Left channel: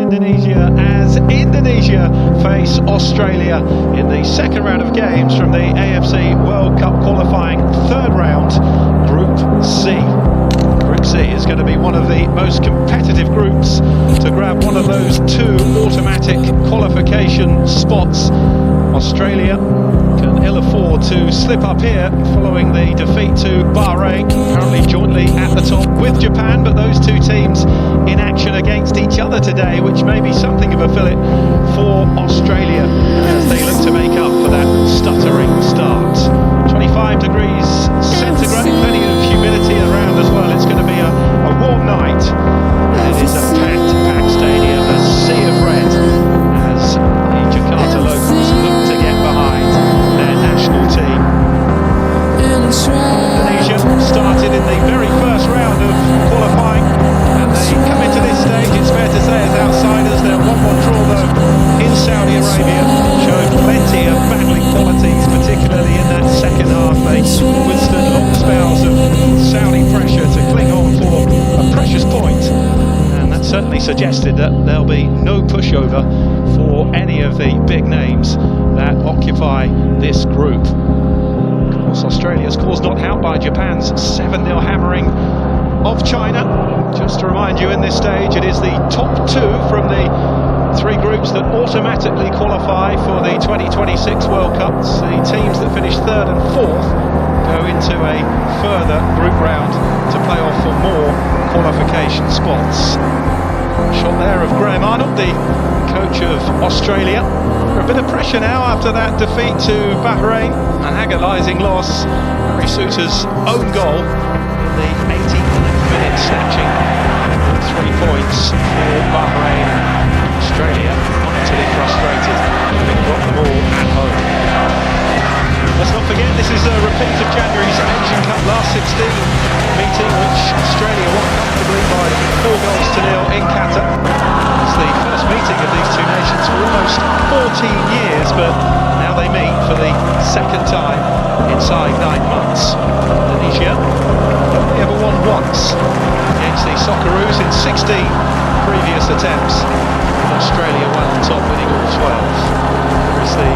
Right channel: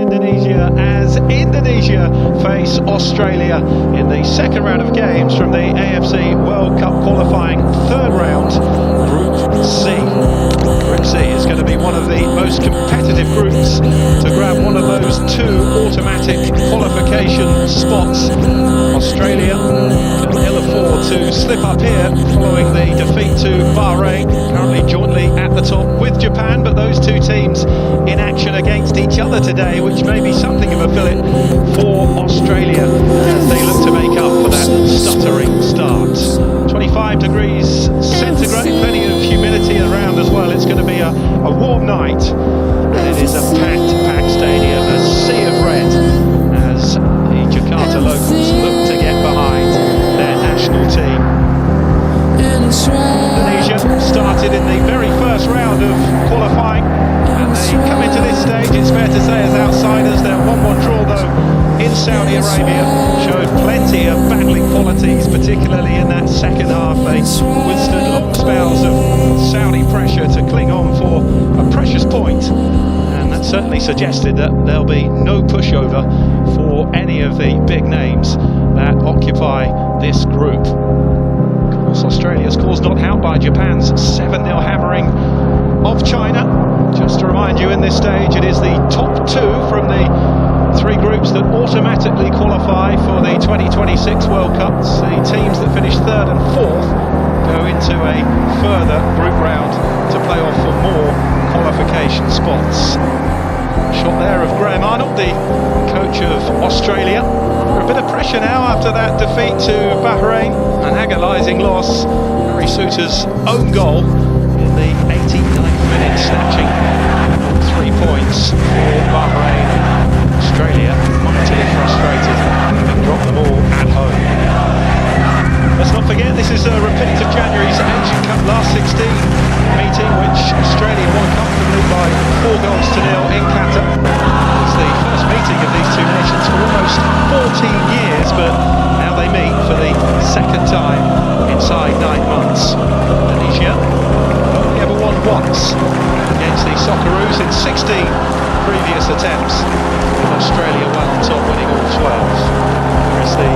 Indonesia as Indonesia face Australia in the second round of games from the AFC World Cup qualifying third round, Group C. Group C is going to be one of the most competitive groups to grab one of those two automatic qualification spots. Australia can ill afford to slip up here following the defeat to Bahrain, currently jointly at the top with Japan, but those two teams in action against each other today, which may be something of a fillip for Australia as they look to make up for that stuttering start. 25 degrees centigrade, plenty of humidity around as well. It's going to be a warm night, and it is a packed stadium, a sea of red as the Jakarta locals look to get behind their national team. Indonesia started in the very first round of qualifying, and they come into this stage, it's fair to say, as outsiders. Their 1-1 draw though in Saudi Arabia showed plenty of battling qualities, particularly in that second half. They withstood long spells of Saudi pressure to cling on for a precious point, and that certainly suggested that there'll be no pushover for any of the big names that occupy this group. Of course, Australia's caused not out by Japan's 7-0 hammering of China. Just to remind you, in this stage it is the top two from the three groups that automatically qualify for the 2026 World Cups. The teams that finish third and fourth go into a further group round to play off for more qualification spots. Shot there of Graham Arnold, the coach of Australia. A bit of pressure now after that defeat to Bahrain, an agonising loss. Harry Souttar's own goal in the 89th minute, snatching 3 points for Bahrain. Australia mightily frustrated, having dropped them all at home. Let's not forget, this is a repeat of January's Asian Cup last 16 meeting, which Australia won comfortably by 4-0 in Qatar. It's the first meeting of these two nations for almost 14 years, but now they meet for the second time inside 9 months. Indonesia only ever won once against the Socceroos in 16 previous attempts, with Australia well on top, winning all 12. Here is the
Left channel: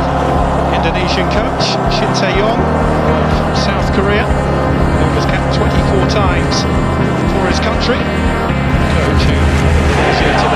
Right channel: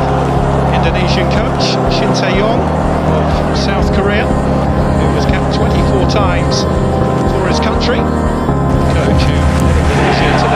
Indonesian coach, Shin Tae-yong of South Korea, who was capped 24 times for his country. The coach who led Indonesia to